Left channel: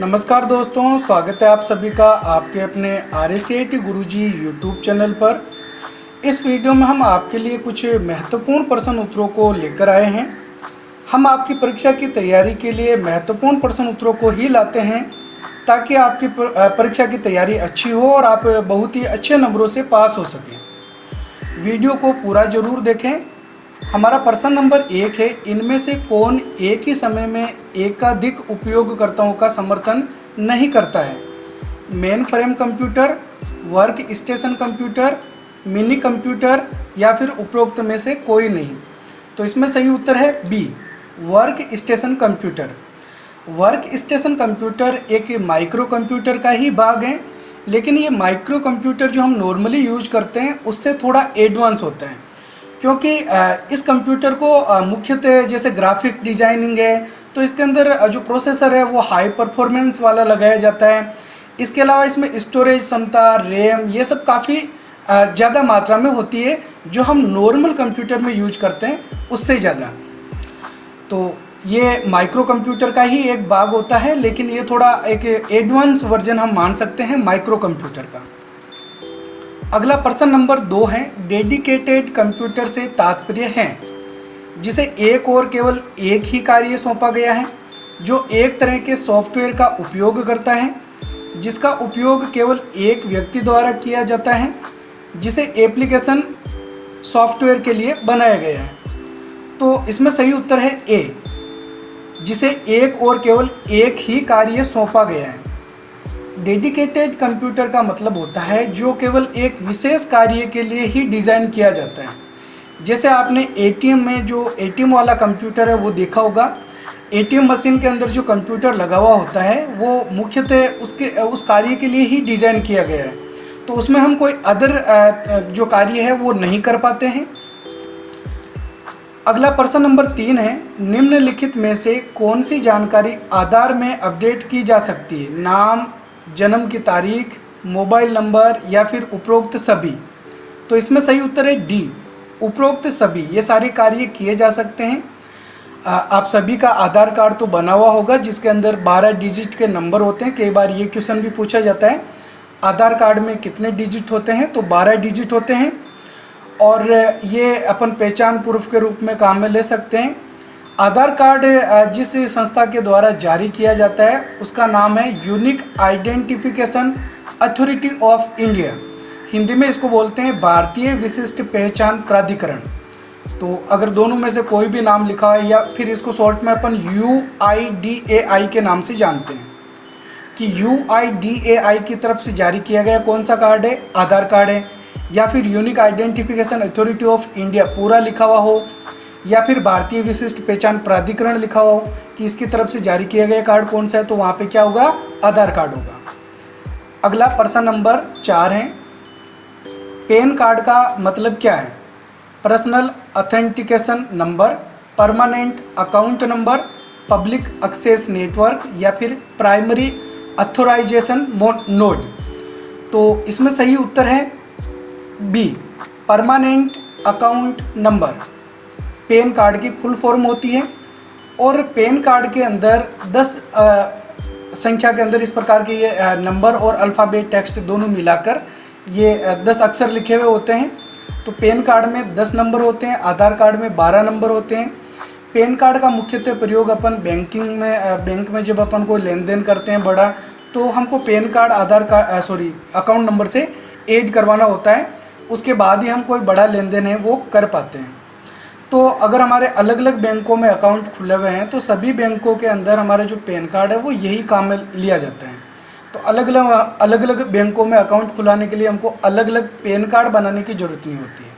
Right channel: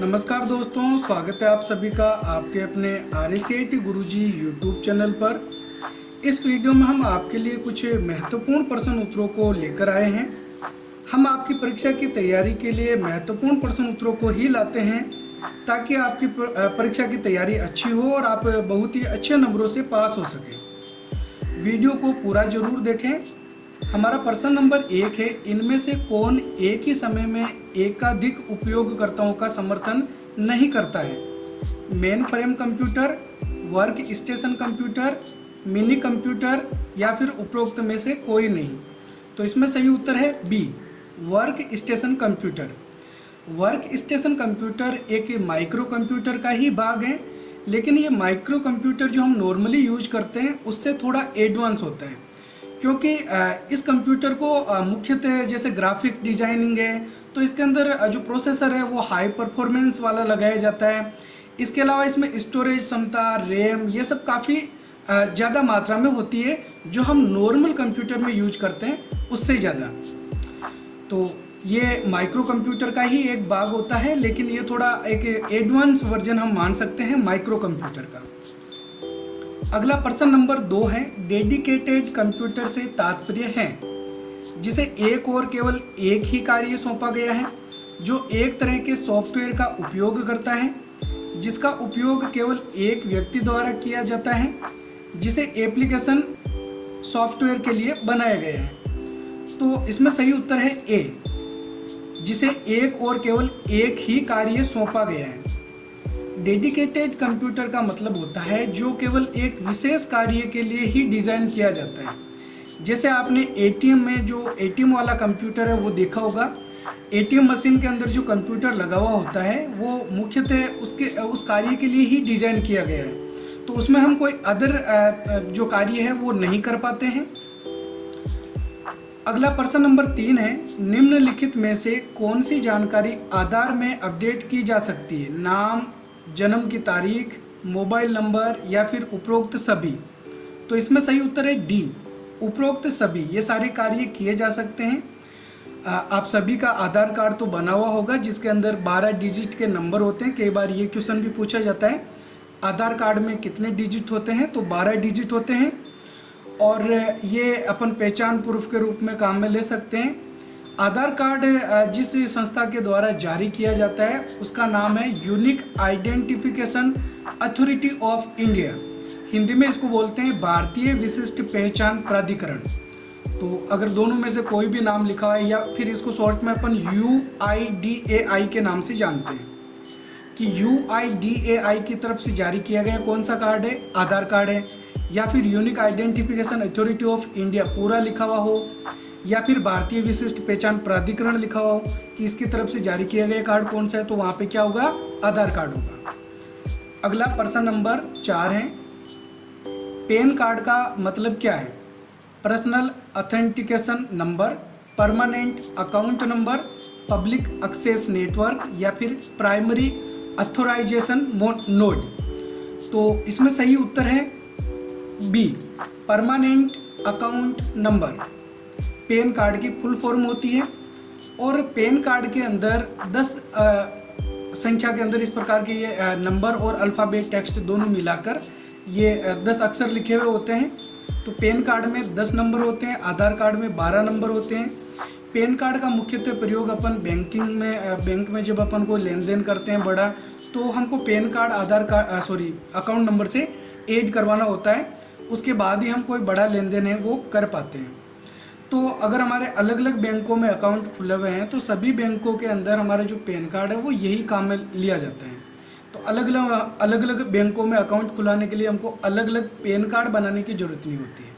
नमस्कार दोस्तों, स्वागत है आप सभी का आपके अपने RACIT गुरुजी यूट्यूब चैनल पर। इस वीडियो में हम आपके लिए कुछ महत्वपूर्ण प्रश्न उत्तरों को लेकर आए हैं। हम आपकी परीक्षा की तैयारी के लिए महत्वपूर्ण प्रश्न उत्तरों को ही लाते हैं ताकि आपकी परीक्षा की तैयारी अच्छी हो और आप बहुत ही अच्छे नंबरों से पास हो सकें। वीडियो को पूरा ज़रूर देखें। हमारा प्रश्न नंबर 1 है, इनमें से कौन एक ही समय में एकाधिक उपयोगकर्ताओं का समर्थन नहीं करता है? Main frame computer, work station computer, mini computer या फिर उपरोक्त में से कोई नहीं। तो इसमें सही उत्तर है बी, work station computer. Work station computer एक माइक्रो कंप्यूटर का ही भाग है, लेकिन ये माइक्रो कंप्यूटर जो हम नॉर्मली यूज करते हैं उससे थोड़ा एडवांस होता है, क्योंकि इस कंप्यूटर को मुख्यतः जैसे ग्राफिक डिजाइनिंग है तो इसके अंदर जो प्रोसेसर है वो हाई परफॉर्मेंस वाला लगाया जाता है। इसके अलावा इसमें स्टोरेज क्षमता, रैम, ये सब काफ़ी ज़्यादा मात्रा में होती है जो हम नॉर्मल कंप्यूटर में यूज करते हैं उससे ज़्यादा। तो ये माइक्रो कंप्यूटर का ही एक भाग होता है, लेकिन ये थोड़ा एक एडवांस वर्जन हम मान सकते हैं माइक्रो कंप्यूटर का। अगला प्रश्न नंबर 2 है, डेडिकेटेड कंप्यूटर से तात्पर्य है जिसे एक और केवल एक ही कार्य सौंपा गया है, जो एक तरह के सॉफ्टवेयर का उपयोग करता है, जिसका उपयोग केवल एक व्यक्ति द्वारा किया जाता है, जिसे एप्लीकेशन सॉफ्टवेयर के लिए बनाया गया है। तो इसमें सही उत्तर है ए, जिसे एक और केवल एक ही कार्य सौंपा गया है। डेडिकेटेड कंप्यूटर का मतलब होता है जो केवल एक विशेष कार्य के लिए ही डिज़ाइन किया जाता है। जैसे आपने ATM में जो ATM वाला कंप्यूटर है वो देखा होगा। ATM मशीन के अंदर जो कंप्यूटर लगा हुआ होता है वो मुख्यतः उस कार्य के लिए ही डिज़ाइन किया गया है, तो उसमें हम कोई अदर जो कार्य है वो नहीं कर पाते हैं। अगला प्रश्न नंबर 3 है, निम्नलिखित में से कौन सी जानकारी आधार में अपडेट की जा सकती है? नाम, जन्म की तारीख, मोबाइल नंबर या फिर उपरोक्त सभी। तो इसमें सही उत्तर है डी, उपरोक्त सभी। ये सारे कार्य किए जा सकते हैं। आप सभी का आधार कार्ड तो बना हुआ होगा जिसके अंदर 12 डिजिट के नंबर होते हैं। कई बार ये क्वेश्चन भी पूछा जाता है, आधार कार्ड में कितने डिजिट होते हैं? तो 12 डिजिट होते हैं, और ये अपन पहचान प्रूफ के रूप में काम में ले सकते हैं। आधार कार्ड जिस संस्था के द्वारा जारी किया जाता है उसका नाम है unique identification authority of India. Hindi में इसको बोलते हैं भारतीय विशिष्ट पहचान प्राधिकरण। तो अगर दोनों में से कोई भी नाम लिखा है, या फिर इसको शॉर्ट में अपन UIDAI के नाम से जानते हैं कि UIDAI की तरफ से जारी किया गया कौन सा कार्ड है? आधार कार्ड है। या फिर unique identification authority of India पूरा लिखा हुआ हो, या फिर भारतीय विशिष्ट पहचान प्राधिकरण लिखा हुआ हो कि इसकी तरफ से जारी किया गया कार्ड कौन सा है, तो वहाँ पे क्या होगा? आधार कार्ड होगा। अगला प्रश्न नंबर 4 है, पैन कार्ड का मतलब क्या है? Personal authentication number, permanent account number, public access network या फिर प्राइमरी ऑथराइजेशन नोड। तो इसमें सही उत्तर है बी, permanent account number. PAN card की फुल फॉर्म होती है, और पैन कार्ड के अंदर 10 संख्या के अंदर इस प्रकार के ये नंबर और अल्फ़ाबेट टेक्स्ट दोनों मिलाकर ये 10 अक्षर लिखे हुए होते हैं। तो पैन कार्ड में 10 नंबर होते हैं, आधार कार्ड में 12 नंबर होते हैं। पैन कार्ड का मुख्यतः प्रयोग अपन बैंक में जब अपन को लेन देन करते हैं बड़ा, तो हमको पैन कार्ड अकाउंट नंबर से ऐड करवाना होता है, उसके बाद ही हम कोई बड़ा लेन देन है वो कर पाते हैं। तो अगर हमारे अलग अलग बैंकों में अकाउंट खुले हुए हैं तो सभी बैंकों के अंदर हमारा जो पैन कार्ड है वो यही काम में लिया जाता है। तो अलग अलग बैंकों में अकाउंट खुलाने के लिए हमको अलग अलग पैन कार्ड बनाने की ज़रूरत नहीं होती है,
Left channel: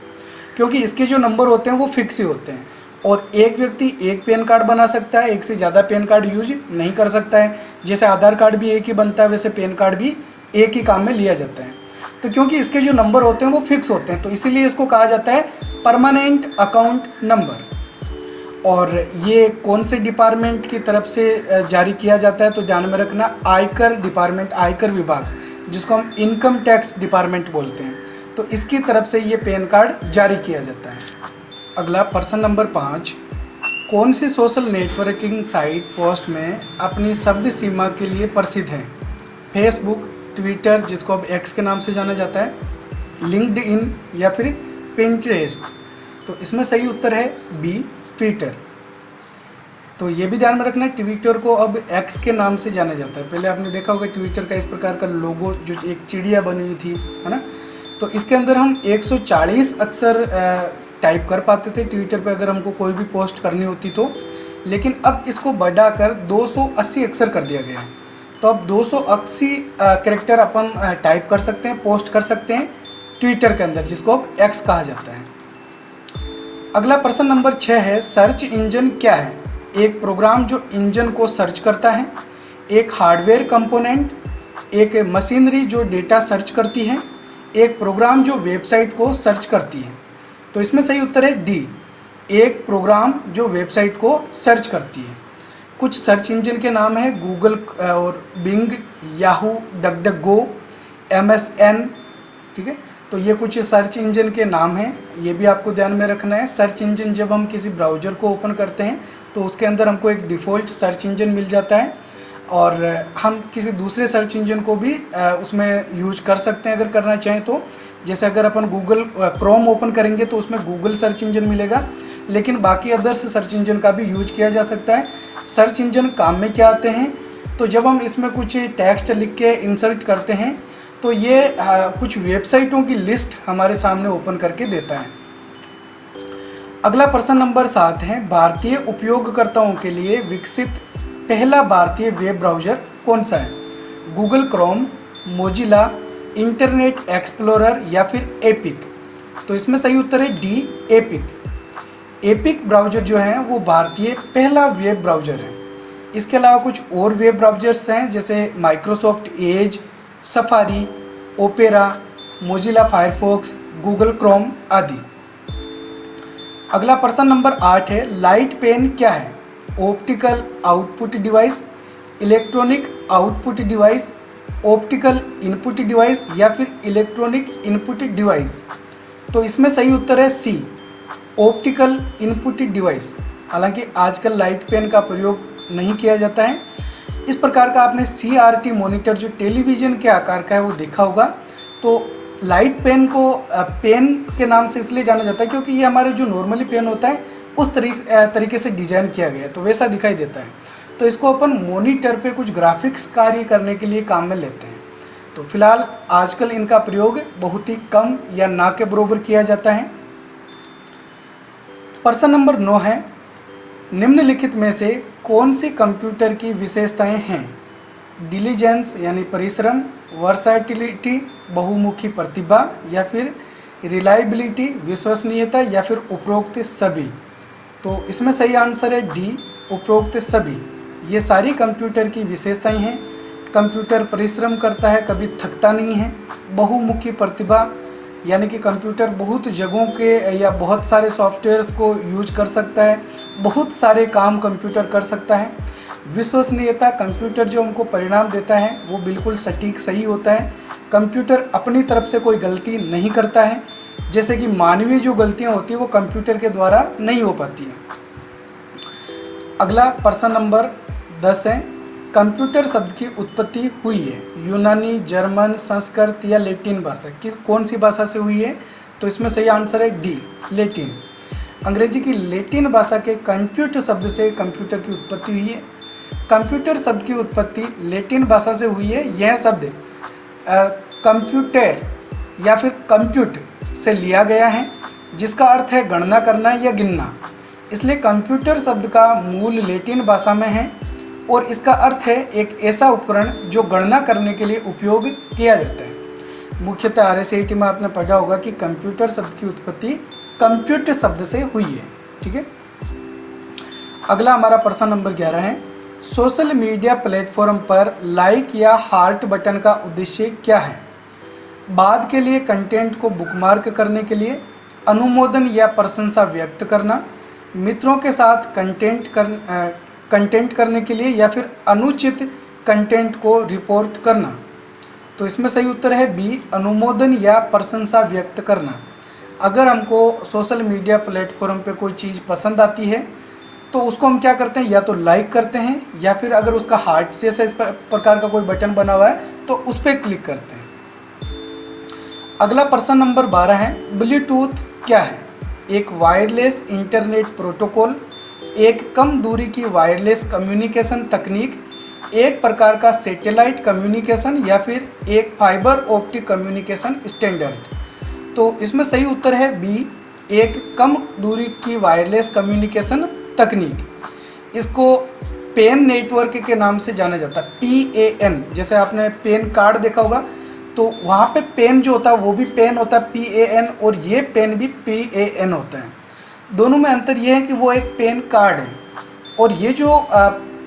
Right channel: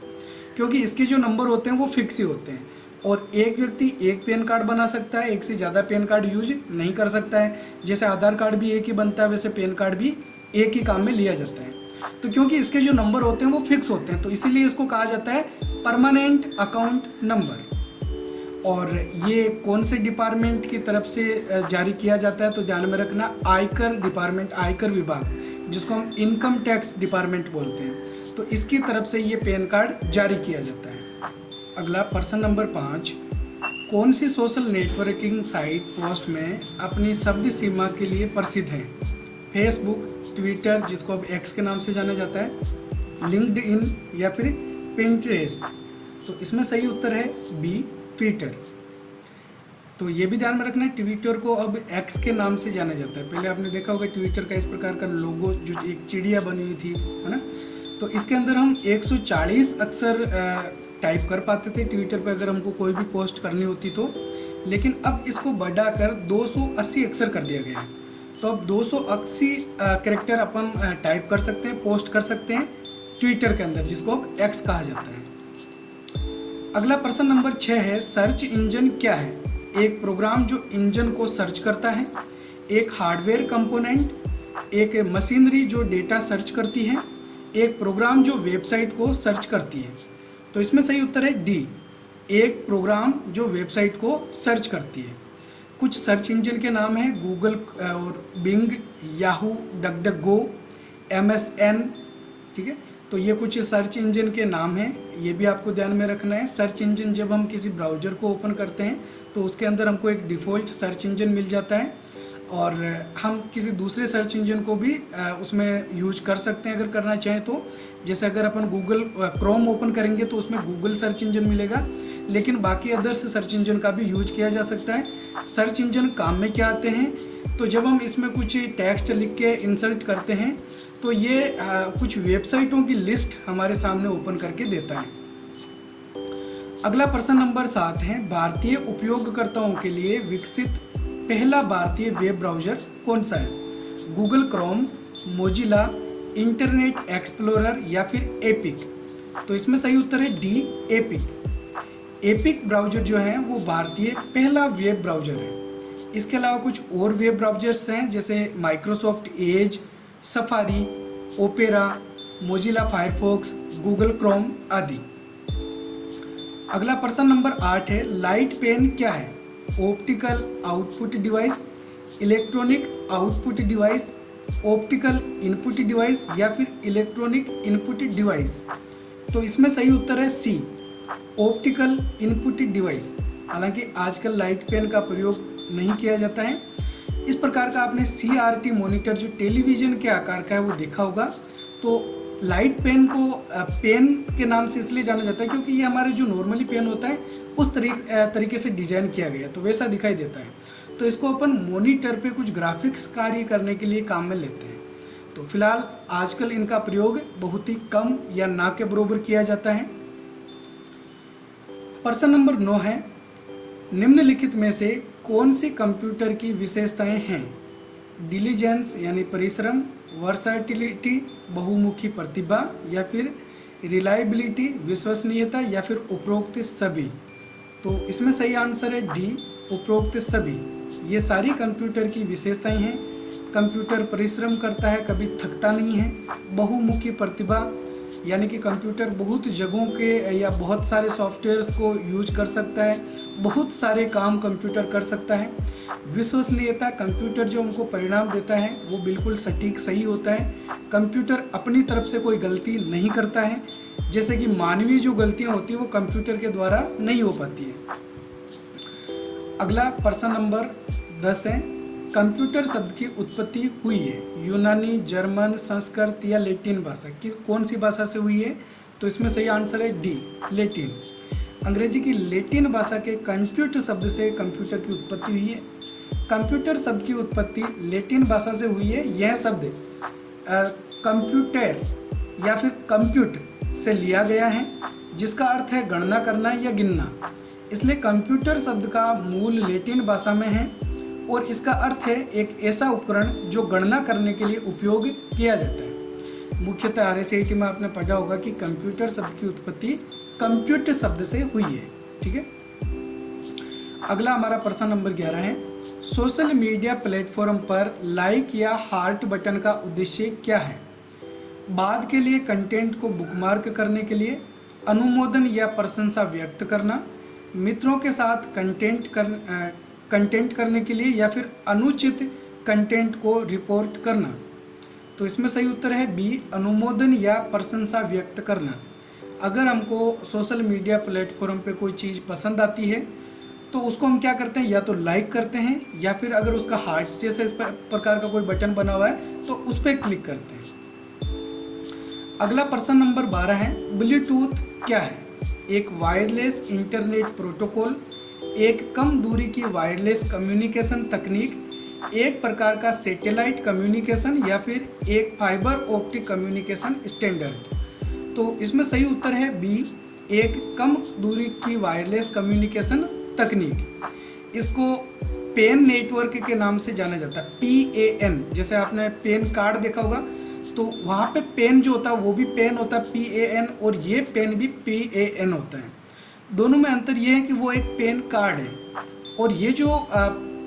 क्योंकि इसके जो नंबर होते हैं वो फिक्स ही होते हैं, और एक व्यक्ति एक पैन कार्ड बना सकता है, एक से ज़्यादा पैन कार्ड यूज नहीं कर सकता है। जैसे आधार कार्ड भी एक ही बनता है, वैसे पैन कार्ड भी एक ही काम में लिया जाता है। तो क्योंकि इसके जो नंबर होते हैं वो फिक्स होते हैं, तो इसीलिए इसको कहा जाता है परमानेंट अकाउंट नंबर। और ये कौन से डिपार्टमेंट की तरफ से जारी किया जाता है? तो ध्यान में रखना, आयकर डिपार्टमेंट, आयकर विभाग, जिसको हम इनकम टैक्स डिपार्टमेंट बोलते हैं, तो इसकी तरफ से ये पैन कार्ड जारी किया जाता है। अगला प्रश्न नंबर 5, कौन सी सोशल नेटवर्किंग साइट पोस्ट में अपनी शब्द सीमा के लिए प्रसिद्ध है? फेसबुक, ट्विटर जिसको अब एक्स के नाम से जाना जाता है, लिंक्डइन या फिर पिंटरेस्ट। तो इसमें सही उत्तर है बी, ट्विटर। तो ये भी ध्यान में रखना है, ट्विटर को अब एक्स के नाम से जाना जाता है। पहले आपने देखा होगा ट्विटर का इस प्रकार का लोगो जो एक चिड़िया बनी हुई थी, है ना। तो इसके अंदर हम 140 अक्षर टाइप कर पाते थे ट्विटर पे अगर हमको कोई भी पोस्ट करनी होती तो, लेकिन अब इसको बढ़ाकर 280 अक्षर कर दिया गया है। तो अब 280 कैरेक्टर अपन टाइप कर सकते हैं, पोस्ट कर सकते हैं ट्विटर के अंदर, जिसको अब एक्स कहा जाता है। अगला प्रश्न नंबर 6 है, सर्च इंजन क्या है? एक प्रोग्राम जो इंजन को सर्च करता है, एक हार्डवेयर कंपोनेंट, एक मशीनरी जो डेटा सर्च करती है, एक प्रोग्राम जो वेबसाइट को सर्च करती है। तो इसमें सही उत्तर है डी, एक प्रोग्राम जो वेबसाइट को सर्च करती है। कुछ सर्च इंजन के नाम है गूगल और बिंग, याहू, डकडकगो, MSN, ठीक है। तो ये कुछ सर्च इंजन के नाम हैं, ये भी आपको ध्यान में रखना है। सर्च इंजन जब हम किसी ब्राउज़र को ओपन करते हैं तो उसके अंदर हमको एक डिफ़ॉल्ट सर्च इंजन मिल जाता है, और हम किसी दूसरे सर्च इंजन को भी उसमें यूज कर सकते हैं अगर करना चाहें तो। जैसे अगर अपन गूगल क्रोम ओपन करेंगे तो उसमें गूगल सर्च इंजन मिलेगा, लेकिन बाकी अदर्स सर्च इंजन का भी यूज किया जा सकता है। सर्च इंजन काम में क्या आते हैं? तो जब हम इसमें कुछ टेक्स्ट लिख के इंसर्ट करते हैं तो ये कुछ वेबसाइटों की लिस्ट हमारे सामने ओपन करके देता है। अगला प्रश्न नंबर 7 है, भारतीय उपयोगकर्ताओं के लिए विकसित पहला भारतीय वेब ब्राउज़र कौन सा है? Google Chrome, Mozilla, internet explorer या फिर एपिक। तो इसमें सही उत्तर है डी, एपिक। एपिक ब्राउज़र जो है वो भारतीय पहला वेब ब्राउज़र है। इसके अलावा कुछ और वेब ब्राउज़र्स हैं जैसे Microsoft Edge, safari, opera, Mozilla Firefox, Google Chrome आदि। अगला प्रश्न नंबर 8 है, लाइट पेन क्या है? Optical output device, electronic output device, optical input device या फिर इलेक्ट्रॉनिक इनपुट डिवाइस। तो इसमें सही उत्तर है सी, ऑप्टिकल इनपुट डिवाइस। हालांकि आजकल लाइट पेन का प्रयोग नहीं किया जाता है। इस प्रकार का आपने CRT मॉनिटर जो टेलीविज़न के आकार का है वो देखा होगा। तो लाइट पेन को पेन के नाम से इसलिए जाना जाता है क्योंकि ये हमारे जो नॉर्मली पेन होता है उस तरीके से डिज़ाइन किया गया है, तो वैसा दिखाई देता है। तो इसको अपन मॉनिटर पे कुछ ग्राफिक्स कार्य करने के लिए काम में लेते हैं। तो फिलहाल आजकल इनका प्रयोग बहुत ही कम या ना के बराबर किया जाता है। प्रश्न नंबर 9 है, निम्नलिखित में से कौन सी कंप्यूटर की विशेषताएं हैं? डिलीजेंस यानी परिश्रम, वर्सैटिलिटी बहुमुखी प्रतिभा या फिर रिलायबिलिटी विश्वसनीयता या फिर उपरोक्त सभी। तो इसमें सही आंसर है डी, उपरोक्त सभी। ये सारी कंप्यूटर की विशेषताएं हैं। कंप्यूटर परिश्रम करता है, कभी थकता नहीं है। बहुमुखी प्रतिभा यानी कि कंप्यूटर बहुत जगहों के या बहुत सारे सॉफ्टवेयर्स को यूज कर सकता है, बहुत सारे काम कंप्यूटर कर सकता है। विश्वसनीयता, कंप्यूटर जो हमको परिणाम देता है वो बिल्कुल सटीक सही होता है। कंप्यूटर अपनी तरफ से कोई गलती नहीं करता है, जैसे कि मानवीय जो गलतियां होती हैं वो कंप्यूटर के द्वारा नहीं हो पाती हैं। अगला प्रश्न नंबर 10 है, कंप्यूटर शब्द की उत्पत्ति हुई है यूनानी, जर्मन, संस्कृत या लैटिन भाषा की कौन सी भाषा से हुई है? तो इसमें सही आंसर है डी, लैटिन। अंग्रेजी की लैटिन भाषा के कंप्यूटर शब्द से कंप्यूटर की उत्पत्ति हुई है। कंप्यूटर शब्द की उत्पत्ति लैटिन भाषा से हुई है। यह शब्द कंप्यूटर या फिर कंप्यूट से लिया गया है, जिसका अर्थ है गणना करना या गिनना। इसलिए कंप्यूटर शब्द का मूल लैटिन भाषा में है और इसका अर्थ है एक ऐसा उपकरण जो गणना करने के लिए उपयोग किया जाता है। मुख्यतः RSAT में आपने पढ़ा होगा कि कंप्यूटर शब्द की उत्पत्ति कंप्यूट शब्द से हुई है, ठीक है। अगला हमारा प्रश्न नंबर 11 है, सोशल मीडिया प्लेटफॉर्म पर लाइक या हार्ट बटन का उद्देश्य क्या है? बाद के लिए कंटेंट को बुकमार्क करने के लिए, अनुमोदन या प्रशंसा व्यक्त करना, मित्रों के साथ कंटेंट करने के लिए या फिर अनुचित कंटेंट को रिपोर्ट करना। तो इसमें सही उत्तर है बी, अनुमोदन या प्रशंसा व्यक्त करना। अगर हमको सोशल मीडिया प्लेटफॉर्म पे कोई चीज़ पसंद आती है तो उसको हम क्या करते हैं, या तो लाइक करते हैं या फिर अगर उसका हार्ट जैसा इस प्रकार का कोई बटन बना हुआ है तो उस पर क्लिक करते हैं। अगला प्रश्न नंबर 12 है, ब्लूटूथ क्या है? एक वायरलेस इंटरनेट प्रोटोकॉल, एक कम दूरी की वायरलेस कम्युनिकेशन तकनीक, एक प्रकार का सैटेलाइट कम्युनिकेशन या फिर एक फाइबर ऑप्टिक कम्युनिकेशन स्टैंडर्ड। तो इसमें सही उत्तर है बी, एक कम दूरी की वायरलेस कम्युनिकेशन तकनीक। इसको पेन नेटवर्क के नाम से जाना जाता है, PAN। जैसे आपने पेन कार्ड देखा होगा तो वहाँ पे पेन जो होता है वो भी पेन होता है PAN, और ये पेन भी PAN होता है। दोनों में अंतर ये है कि वो एक पेन कार्ड है और ये जो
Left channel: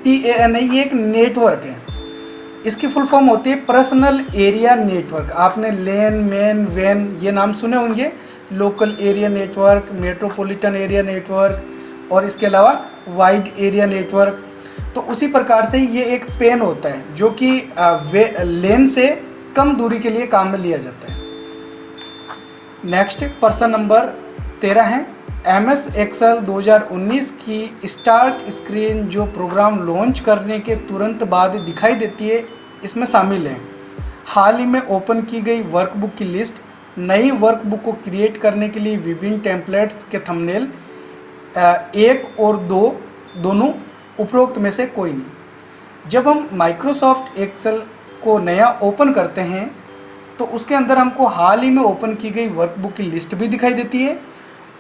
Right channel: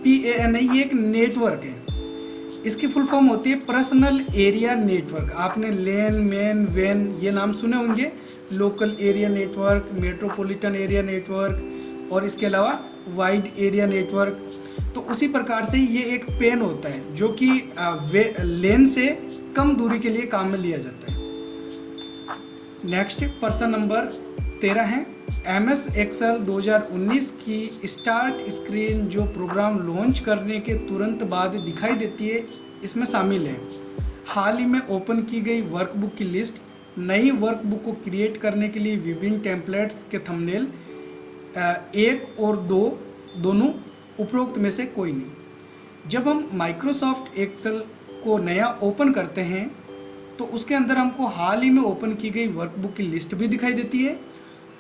PAN है ये एक नेटवर्क है। इसकी फुल फॉर्म होती है पर्सनल एरिया नेटवर्क। आपने लेन, मेन, वैन ये नाम सुने होंगे, local area network, metropolitan area network और इसके अलावा वाइड एरिया नेटवर्क। तो उसी प्रकार से ये एक पेन होता है जो कि लेन से कम दूरी के लिए काम में लिया जाता है। नेक्स्ट प्रश्न नंबर 13 है, MS Excel 2019 की स्टार्ट स्क्रीन जो प्रोग्राम लॉन्च करने के तुरंत बाद दिखाई देती है इसमें शामिल है हाल ही में ओपन की गई वर्कबुक की लिस्ट, नई वर्कबुक को क्रिएट करने के लिए विभिन्न टेम्पलेट्स के थंबनेल, 1 और 2 दोनों उपरोक्त में से कोई नहीं। जब हम माइक्रोसॉफ्ट एक्सेल को नया ओपन करते हैं तो उसके अंदर हमको हाल ही में ओपन की गई वर्कबुक की लिस्ट भी दिखाई देती है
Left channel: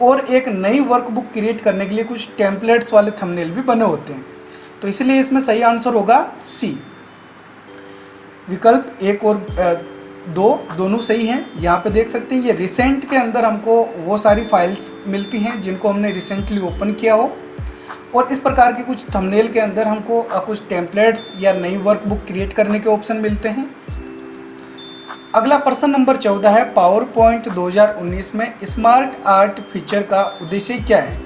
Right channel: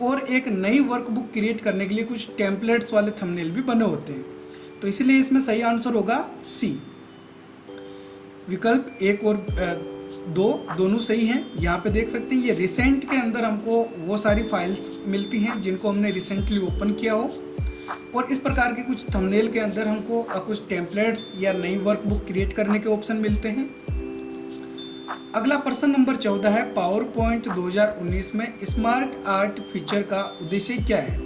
और एक नई वर्कबुक क्रिएट करने के लिए कुछ टेम्पलेट्स वाले थंबनेल भी बने होते हैं। तो इसलिए इसमें सही आंसर होगा सी। विकल्प 1 और 2 दोनों सही हैं। यहाँ पे देख सकते हैं ये रिसेंट के अंदर हमको वो सारी फाइल्स मिलती हैं जिनको हमने रिसेंटली ओपन किया हो, और इस प्रकार के कुछ थंबनेल के अंदर हमको कुछ टेम्पलेट्स या नई वर्कबुक क्रिएट करने के ऑप्शन मिलते हैं। अगला प्रश्न नंबर 14 है, पावर पॉइंट 2019 में स्मार्ट आर्ट फीचर का उद्देश्य क्या है?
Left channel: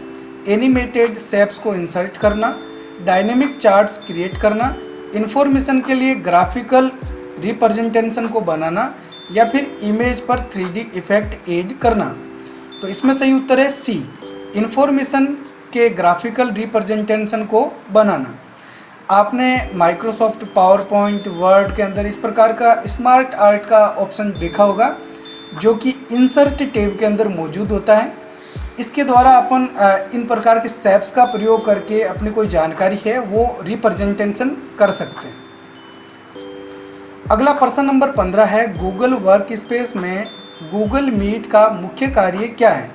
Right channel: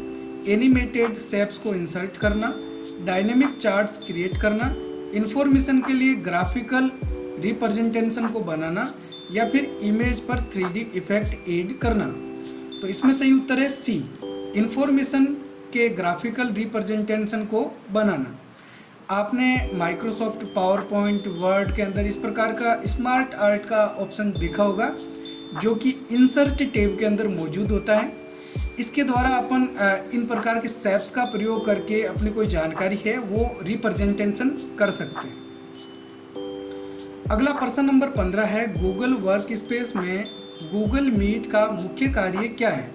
एनिमेटेड शेप्स को इंसर्ट करना, डायनेमिक चार्ट्स क्रिएट करना, इंफॉर्मेशन के लिए ग्राफिकल रिप्रेजेंटेशन को बनाना या फिर इमेज पर 3D इफेक्ट ऐड करना। तो इसमें सही उत्तर है सी, इंफॉर्मेशन के ग्राफिकल रिप्रेजेंटेशन को बनाना। आपने माइक्रोसॉफ्ट पावर पॉइंट, वर्ड के अंदर इस प्रकार का स्मार्ट आर्ट का ऑप्शन देखा होगा जो कि इंसर्ट टैब के अंदर मौजूद होता है। इसके द्वारा अपन इन प्रकार के शेप्स का प्रयोग करके अपनी कोई जानकारी है वो रिप्रेजेंटेशन कर सकते हैं। अगला प्रश्न नंबर 15 है, गूगल वर्क स्पेस में गूगल मीट का मुख्य कार्य क्या है?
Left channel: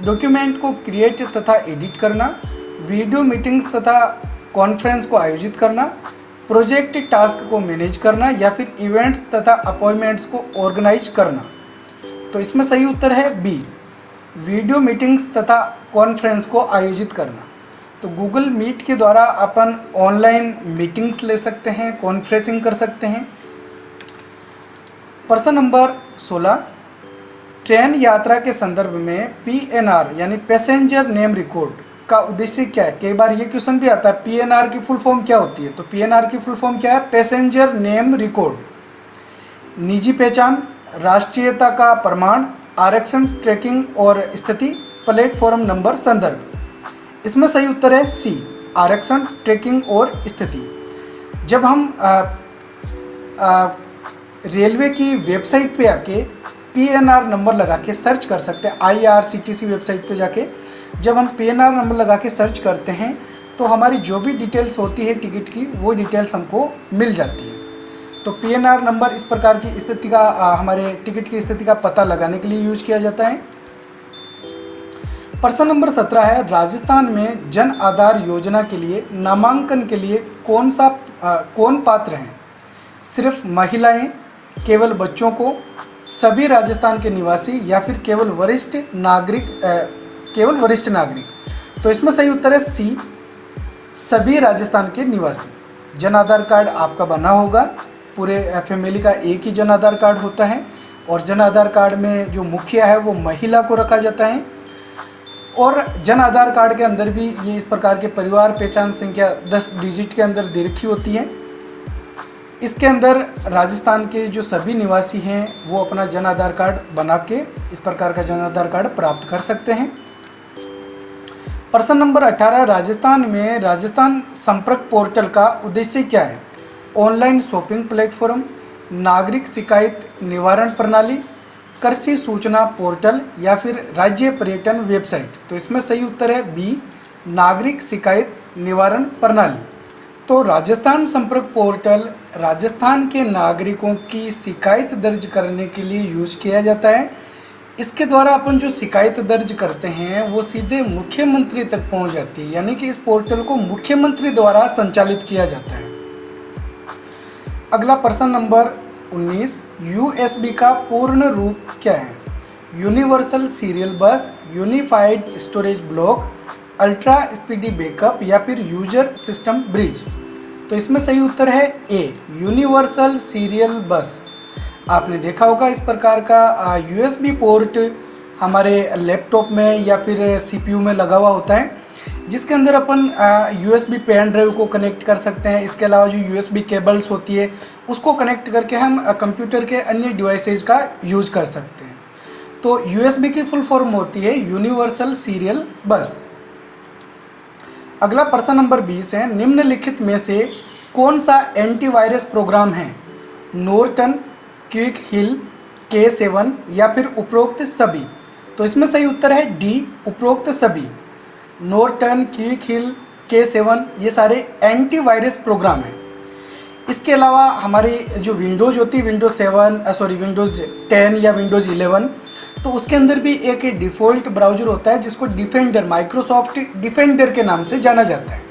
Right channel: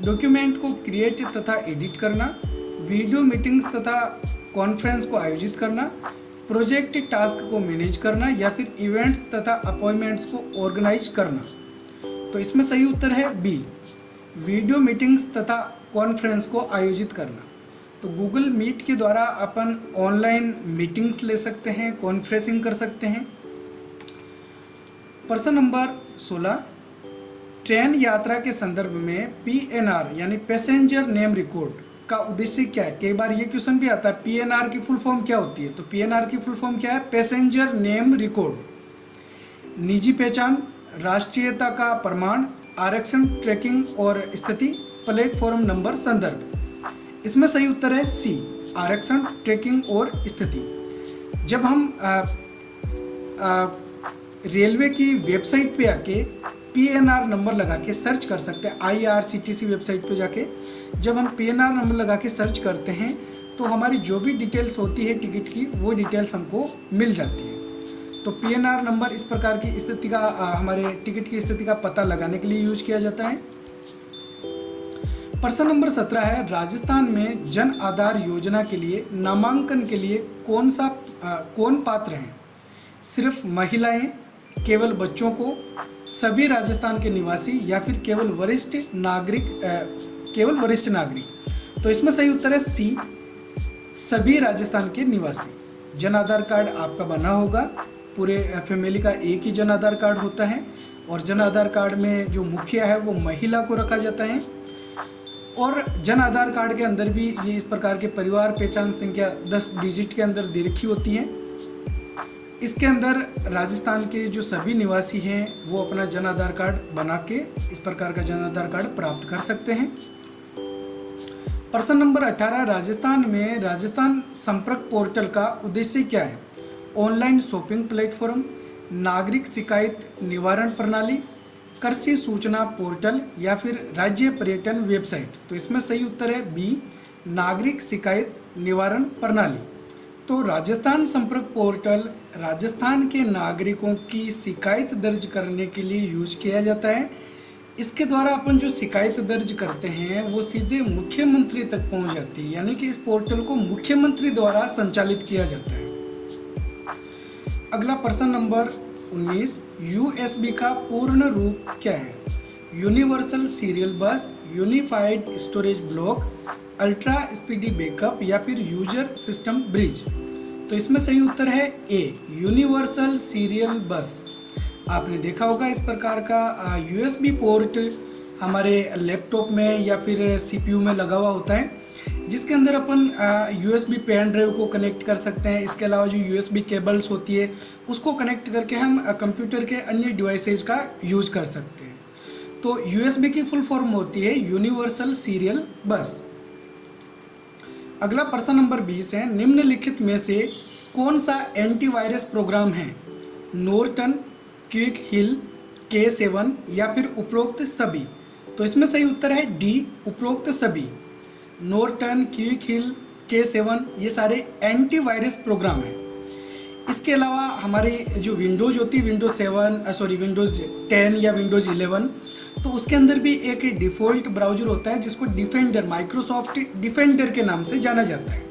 डॉक्यूमेंट को क्रिएट तथा एडिट करना, वीडियो मीटिंग्स तथा कॉन्फ्रेंस को आयोजित करना, प्रोजेक्ट टास्क को मैनेज करना या फिर इवेंट्स तथा अपॉइंटमेंट्स को ऑर्गेनाइज करना। तो इसमें सही उत्तर है बी, वीडियो मीटिंग्स तथा कॉन्फ्रेंस को आयोजित करना। तो गूगल मीट के द्वारा अपन ऑनलाइन मीटिंग्स ले सकते हैं, कॉन्फ्रेंसिंग कर सकते हैं। प्रश्न नंबर 16, ट्रेन यात्रा के संदर्भ में PNR यानी पैसेंजर नेम रिकॉर्ड का उद्देश्य क्या है? कई बार ये क्वेश्चन भी आता है PNR की फुल फॉर्म क्या होती है? तो PNR की फुल फॉर्म क्या है? Passenger name record. निजी पहचान, राष्ट्रीयता का प्रमाण, आरक्षण ट्रैकिंग और स्थिति, प्लेटफॉर्म नंबर, संदर्भ। इसमें सही उत्तर है सी, आरक्षण ट्रैकिंग और स्थिति। जब हम रेलवे की वेबसाइट पे आके PNR नंबर लगा के सर्च कर सकते हैं, IRCTC वेबसाइट पे जाके जब हम PNR नंबर लगा के सर्च करते हैं तो हमारी जो भी डिटेल्स होती है टिकट की वो डिटेल्स हमको मिल जाती है। तो PNR नंबर इस प्रकार की स्थिति का हमारे टिकट की स्थिति का पता लगाने के लिए यूज किया जाता है। प्रश्न नंबर 17 है, राजस्थान में जन आधार योजना के लिए नामांकन के लिए कौन पात्र हैं? सिर्फ महिलाएं, केवल बच्चों को, सभी राजस्थान के निवासी या फिर केवल वरिष्ठ नागरिक? तो इसमें सही उत्तर है सी, सभी राजस्थान के निवासी। जन आधार कार्ड आपका बना होगा, पूरे फैमिली का एक ही जन आधार कार्ड होता है और जन आधार कार्ड में जो मुखिया है वो महिला को रखा जाता है। और जन आधार कार्ड के अंदर भी ये इस प्रकार के परिवार पहचान संख्या 10 डिजिट के अंदर दे रखी होती है। इसके अंदर राजस्थान के जो सभी निवासी हैं वो अपना जन आधार कार्ड बना के इस प्रकार का जन आधार कार्ड प्राप्त कर सकते हैं। प्रश्न नंबर 18, राजस्थान में राजस्थान संपर्क पोर्टल का उद्देश्य क्या है? ऑनलाइन शॉपिंग प्लेटफॉर्म, नागरिक शिकायत निवारण प्रणाली, कृषि सूचना पोर्टल या फिर राज्य पर्यटन वेबसाइट। तो इसमें सही उत्तर है बी, नागरिक शिकायत निवारण प्रणाली। तो राजस्थान संपर्क पोर्टल राजस्थान के नागरिकों की शिकायत दर्ज करने के लिए यूज किया जाता है। इसके द्वारा अपन जो शिकायत दर्ज करते हैं वो सीधे मुख्यमंत्री तक पहुंच जाती है, यानी कि इस पोर्टल को मुख्यमंत्री द्वारा संचालित किया जाता है। अगला प्रश्न नंबर 19, यूएसबी का पूर्ण रूप क्या है? यूनिवर्सल सीरियल बस, unified storage block, ultra speedy backup या फिर यूजर सिस्टम ब्रिज। तो इसमें सही उत्तर है ए, यूनिवर्सल सीरियल बस। आपने देखा होगा इस प्रकार का यूएसबी पोर्ट हमारे लैपटॉप में या फिर सीपीयू में लगा हुआ होता है, जिसके अंदर अपन यूएसबी पेन ड्राइव को कनेक्ट कर सकते हैं। इसके अलावा जो यूएसबी केबल्स होती है उसको कनेक्ट करके हम कंप्यूटर के अन्य डिवाइसेज का यूज कर सकते हैं। तो यूएसबी की फुल फॉर्म होती है यूनिवर्सल सीरियल बस। अगला प्रश्न नंबर 20 है, निम्नलिखित में से कौन सा एंटीवायरस प्रोग्राम है? नॉर्टन, क्विक हिल, K7 या फिर उपरोक्त सभी। तो इसमें सही उत्तर है डी, उपरोक्त सभी। नॉर्टन, क्विक हिल, K7 ये सारे एंटीवायरस प्रोग्राम हैं। इसके अलावा हमारी जो विंडोज़ होती है विंडोज़ 10 या विंडोज़ 11, तो उसके अंदर भी एक डिफ़ॉल्ट ब्राउज़र होता है जिसको डिफेंडर, माइक्रोसॉफ्ट डिफेंडर के नाम से जाना जाता है,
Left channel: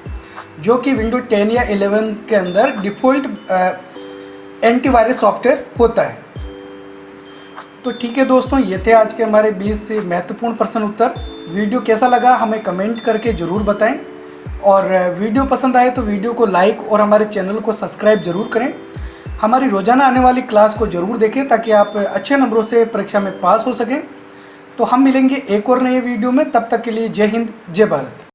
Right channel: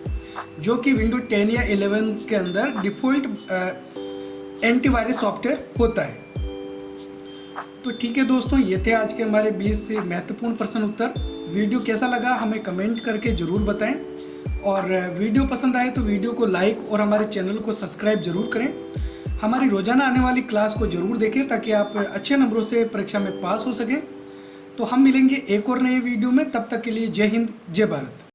जो कि विंडोज़ 10 या 11 के अंदर डिफ़ॉल्ट एंटीवायरस सॉफ्टवेयर होता है। तो ठीक है दोस्तों, ये थे आज के हमारे 20 महत्वपूर्ण प्रश्न उत्तर। वीडियो कैसा लगा हमें कमेंट करके ज़रूर बताएं, और वीडियो पसंद आए तो वीडियो को लाइक और हमारे चैनल को सब्सक्राइब ज़रूर करें। हमारी रोज़ाना आने वाली क्लास को ज़रूर देखें ताकि आप अच्छे नंबरों से परीक्षा में पास हो सकें। तो हम मिलेंगे एक और नए वीडियो में, तब तक के लिए जय हिंद, जय भारत।